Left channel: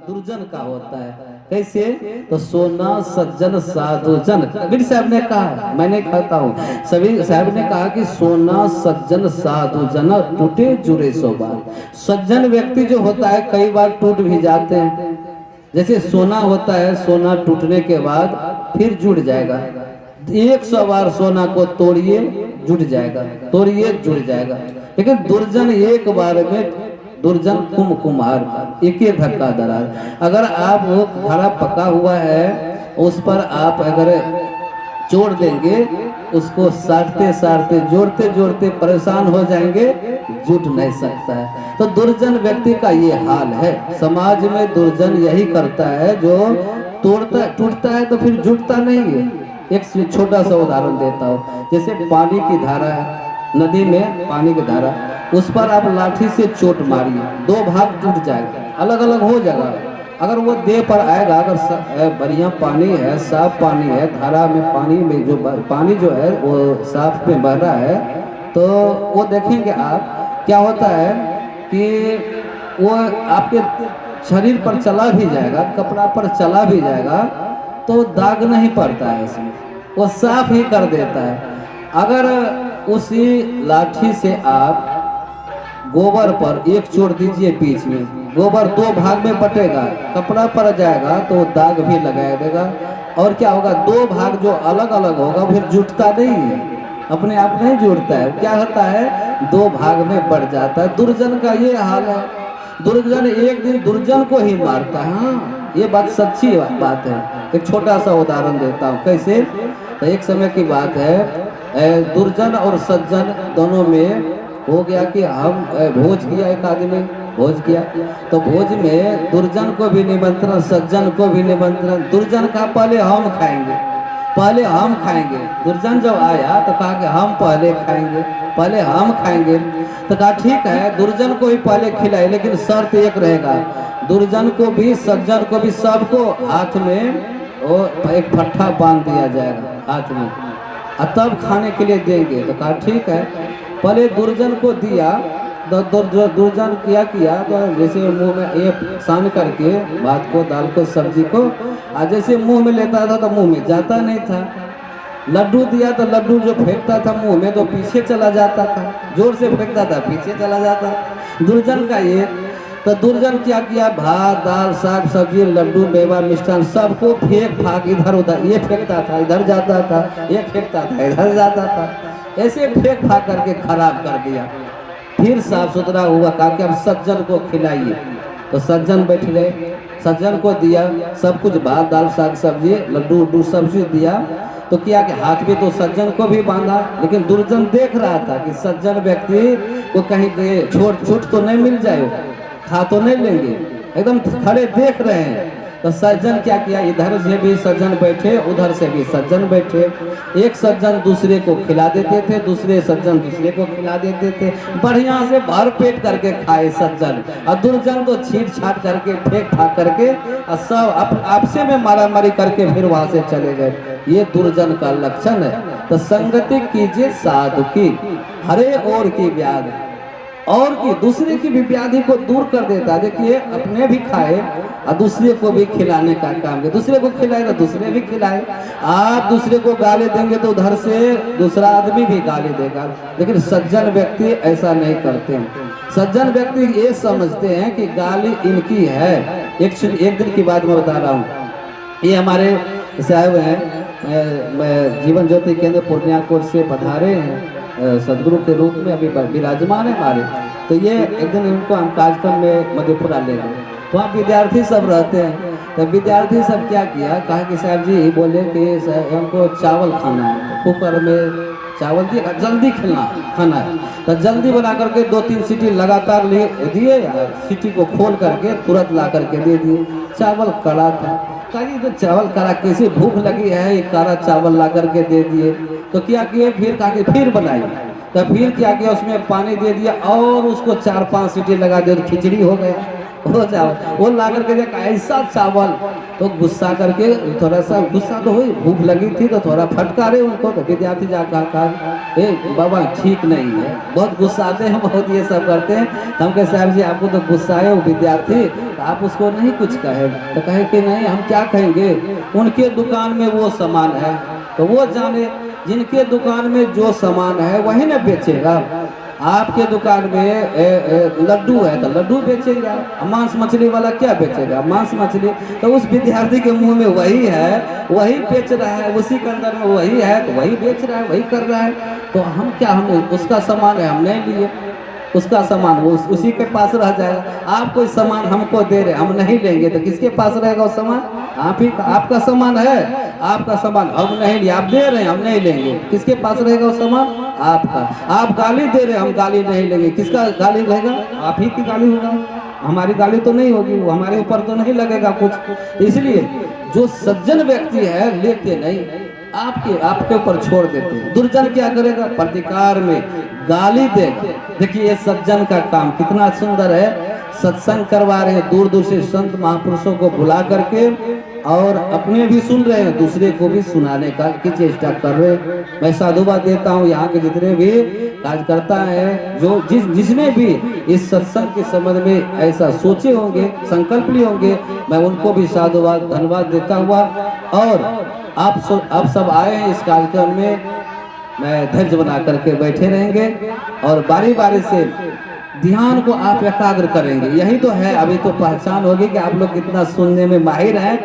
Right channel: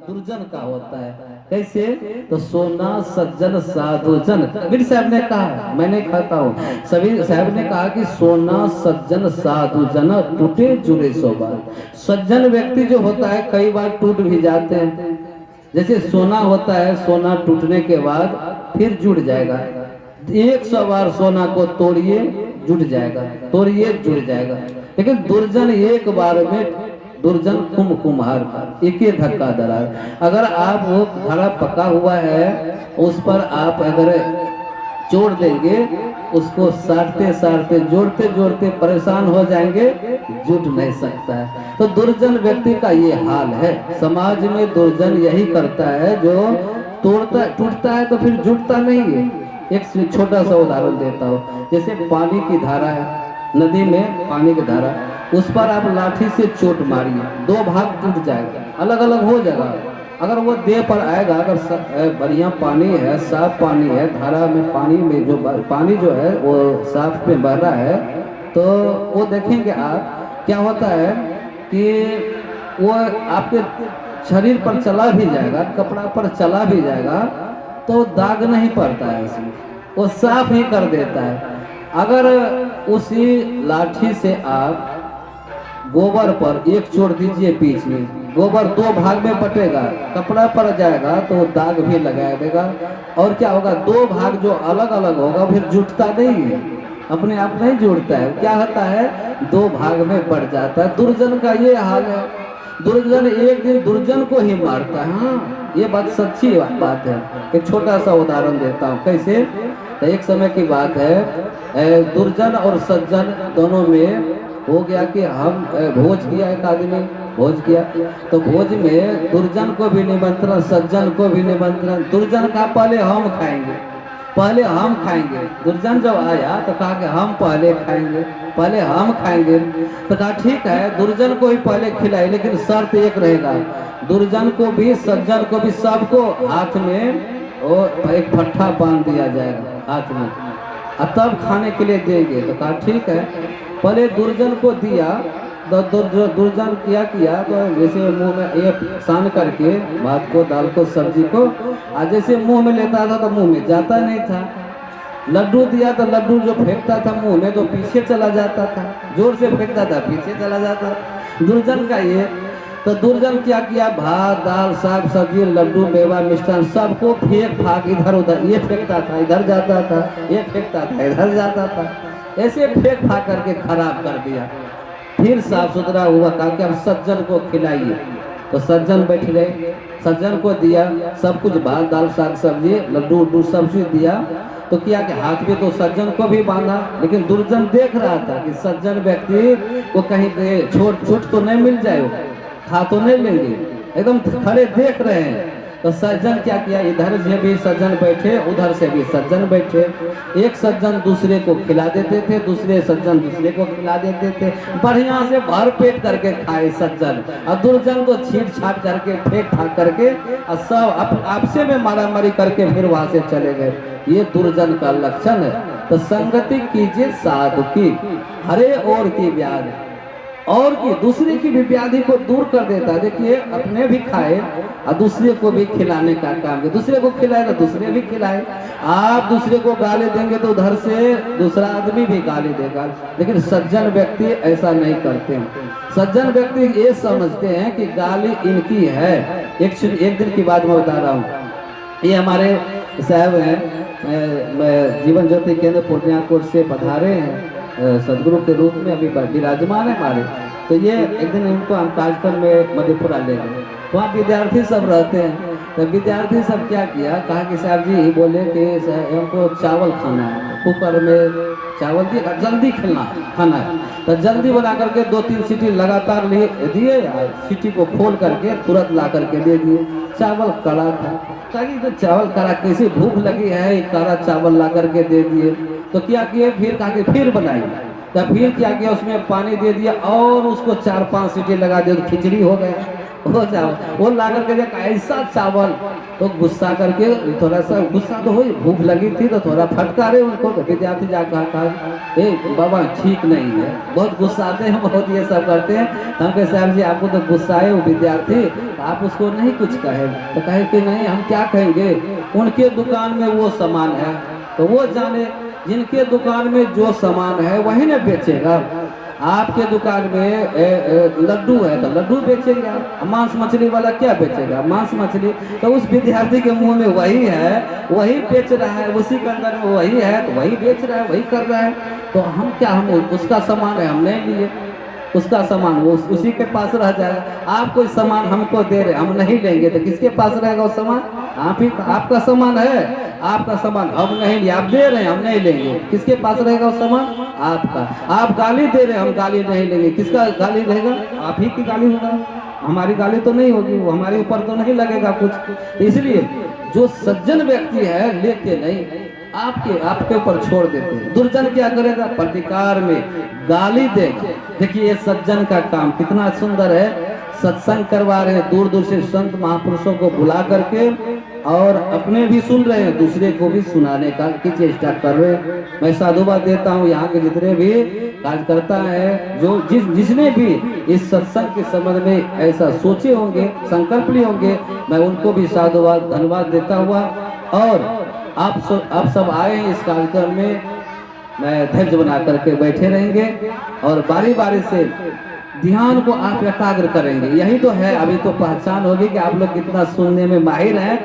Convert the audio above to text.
दुर्जन का होता है। कैसे? तो सोना सज्जन साधु जन, कबीर साहब ने कहा, मैं नहीं कहता हूँ, सभी साहब ने कहा कि सोना सज्जन साधु जन टूटे जुड़े सो बार। सज्जन व्यक्ति जो होता है कई बार टूट भी जाते हैं। जैसे सोना होता है, सोना टूटने के बाद फिर जुड़ जाएगा। 100 बार सोना को तोड़िए जुड़ जाएगा, तोड़िए जुड़ जाएगा। लेकिन दुर्जन एक बार में, दुर्जन कुम्हार एक ही धक्का दरार। अगर आप वो घड़ा पका हुआ है उस पर आप अगर जोड़ देंगे, उसको साटते साटते जोड़ते जोड़ते परेशान हो जाएंगे, जुट नहीं सकता है। तो दुर्जन व्यक्ति का ये हाल है। समाज में दुर्जन यही करता है, जो तोड़ता टूटता है तो फिर जुटता नहीं है। एक छोटा सा उदाहरण देता हूँ। जैसे पानी की धारा है, नदी में पानी की धारा, उस पर आप लाठी से चोट मारिए, 2 भाग टूट जाएगा, अलग अलग हो जाएगा। अगर वो देह पर आएगा, अगर बढ़िया पानी है, साफ पानी है, धारा में पानी में जो पानी जो है वो साफ में बह रहा है, तो वो देखेंगे आप क्या होता है कि वो आपके शरीर पर चला भी जाएगा, कपड़ा पर चला भी जाएगा, तो दाग नहीं पड़ता है उसमें, वो साफ ही कर देता है। अगर उसी लाठी से आप गोबर पर एक चोट दीजिए, बीच में गोबर 2 भाग में बटेगा, कपड़ा पर जाएगा तो दाग भी लगा देगा। और क्या होगा, 2 भाग जो अलग अलग होगा फिर जुटता नहीं है, अपने आप नहीं जुड़ता है। क्या होता है, 2 भाग में बढ़ जाता है। दुर्जन का ये हाल है। दुर्जन एक दिन दुर्जन को ही मारता है। हाँ, ये बात सच्ची बात है। एक छोटा सा उदाहरण देता हूँ। कैसे? तो एक समय की बात है, दुर्जन और सज्जन दोनों में हो गया कि हम भोज किया, एक आदमी भोज किया, तो भोज में दुर्जन को भी निमंत्रण, सज्जन को भी निमंत्रण। दुर्जन का पहले हम खाएंगे, पहले हम खाएंगे। दुर्जन जब आया तो कहा कि हम पहले खाएंगे, पहले हम खाएंगे। तो कहा ठीक है, दुर्जन को ही पहले खिलाए, लेकिन शर्त एक रहेगा, दुर्जन को भी सज्जन को भी सबको हाथ में वो एक फट्ठा बांध दिया जाएगा हाथ में, और तब खाने के लिए देंगे। तो कहा ठीक है। पहले दुर्जन को दिया, दुर्जन क्या किया, तो जैसे मुंह में एक सान करके भात को, दाल को, सब्जी को, और जैसे मुंह में लेता था तो मुंह में जाता नहीं था। लड्डू दिया तो लड्डू जो फेंकता था मुंह में तो पीछे चला जाता था, जोर से फेंकता था पीछे चला जाता। दुर्जन का ये। तो दुर्जन क्या किया, भात दाल साग सब्जी लड्डू मेवा मिष्ठान सबको फेंक फाक इधर उधर, ये फेंकता था इधर जाता था, ये फेंकता था इधर जाता था, ऐसे फेंक फाक करके खराब कर दिया। फिर साफ सुथरा हुआ, कहा कि अब सज्जन को खिलाइए। तो सज्जन बैठ गए, सज्जन को दिया सब कुछ, भात दाल साग सब्जी लड्डू उड्डू सब चीज दिया। तो किया कि हाथ में तो सज्जन को भी बांधा, लेकिन दुर्जन देख रहा था कि सज्जन व्यक्ति को कहीं गए छोट छोट तो नहीं मिल जाए, खा तो नहीं लेंगे, एकदम खड़े देख रहे हैं। तो सज्जन क्या किया, इधर से भी सज्जन बैठे, उधर से भी सज्जन बैठे। एक सज्जन दूसरे को खिला देते थे, दूसरे सज्जन दूसरे को खिला देते थे, बढ़िया से भर पेट करके खाए सज्जन, और दुर्जन तो छीट छाट करके फेंक फाक करके और सब आपसे में मारा मारी करके फिर वहां से चले गए। ये दुर्जन का लक्षण है। तो संगति कीजिए साधु की, हरे और की व्याधि, और की दूसरे की भी व्याधि को दूर कर देता है। देखिए, अपने भी खाए और दूसरे को भी खिलाने का काम है। दूसरे को खिलाए तो दूसरे भी खिलाए। आप दूसरे को गाली देंगे तो उधर से दूसरा आदमी भी गाली देगा। लेकिन सज्जन व्यक्ति ऐसा नहीं करते हैं। सज्जन व्यक्ति ये समझते हैं कि गाली इनकी है। एक दिन की बात मैं बता रहा हूँ। ये हमारे साहब हैं, जीवन ज्योति केंद्र पूर्णिया कोट से पधारे हैं, सदगुरु के रूप में अभी विराजमान है हमारे। तो ये एक दिन उनको हम कार्यक्रम में मधेपुरा ले गए, वहाँ विद्यार्थी सब रहते हैं। तो विद्यार्थी सब क्या किया, कहा कि साहब जी बोले कि साहब हमको चावल खाना है, तो कुकर में चावल दिए, जल्दी खाना है। तो जल्दी बना करके 2-3 सीटी लगातार दिए, सीटी को खोल करके तुरंत ला करके दे दिए। चावल कड़ा था, कहीं तो चावल कड़ा, कैसे भूख लगी है, एक कड़ा चावल ला करके दे दिए। तो क्या किए, फिर कहा कि फिर बनाइए। तो फिर क्या किया, उसमें पानी दे दिया और उसको 4-5 सीटी लगा दिया, तो खिचड़ी हो गया। हो जाओ। वो ला करके जब ऐसा चावल, तो गुस्सा करके थोड़ा सा गुस्सा तो हुई, भूख लगी थी तो थोड़ा फटकारे उनको, तो विद्यार्थी जाकर कहा ए बाबा ठीक नहीं है, बहुत गुस्सा आते हैं, बहुत ये सब करते हैं। तो हम कहे साहब जी आपको तो गुस्सा है वो विद्यार्थी, तो आप उसको नहीं कुछ कहे। तो कहे कि नहीं हम क्या कहेंगे, उनके दुकान में वो सामान है तो वो जाने, जिनके दुकान में जो सामान है वही ना बेचेगा। आपके दुकान में लड्डू है तो लड्डू बेचेगा, मांस मछली वाला क्या बेचेगा, मांस मछली। तो उस विद्यार्थी के मुंह में वही है, वही बेच रहा है, उसी के अंदर में वही है तो वही बेच रहा है, वही कर रहा है। तो हम क्या, हम उसका सामान है हम नहीं लिए, उसका सामान वो उसी के पास रह जाएगा। आप कोई सामान हमको दे रहे हम नहीं लेंगे तो किसके पास रहेगा वो सामान, आप ही का, आपका सामान है, आपका सामान हम नहीं लिए, आप दे रहे हैं हम नहीं लेंगे, किसके पास रहेगा वो सामान, आपका। आप गाली दे रहे हैं हम गाली नहीं लेंगे, किसका गाली रहेगा, आप ही की गाली होगा, हमारी गाली तो नहीं होगी, वो हमारे ऊपर तो नहीं लगेगा कुछ। इसलिए जो सज्जन व्यक्ति है लेते नहीं, आपके ऊपर छोड़ देते हैं। दुर्जन क्या करेगा, प्रतिकार में गाली देगा। देखिए ये सज्जन का काम कितना सुंदर है, सत्संग करवा रहे हैं, दूर दूर से संत महापुरुषों को बुला करके, और अपने भी सुन रहे हैं, दूसरे को भी सुनाने का की चेष्टा कर रहे हैं। मैं साधुवाद देता हूँ यहाँ के जितने भी कार्यकर्ता हैं, जो जिसने भी इस सत्संग के संबंध में ऐसा सोचे होंगे, संकल्प लिए होंगे, मैं उनको भी साधुवाद धन्यवाद देता हुआ, और आप सब आए हैं इस कार्यक्रम में, मैं धैर्य बना करके बैठे रहेंगे और बारी बारी से ध्यान को आप एकाग्र करेंगे। यही तो है, अभी तो पहचान होगी कि आप लोग कितना सुनने में माहिर हैं।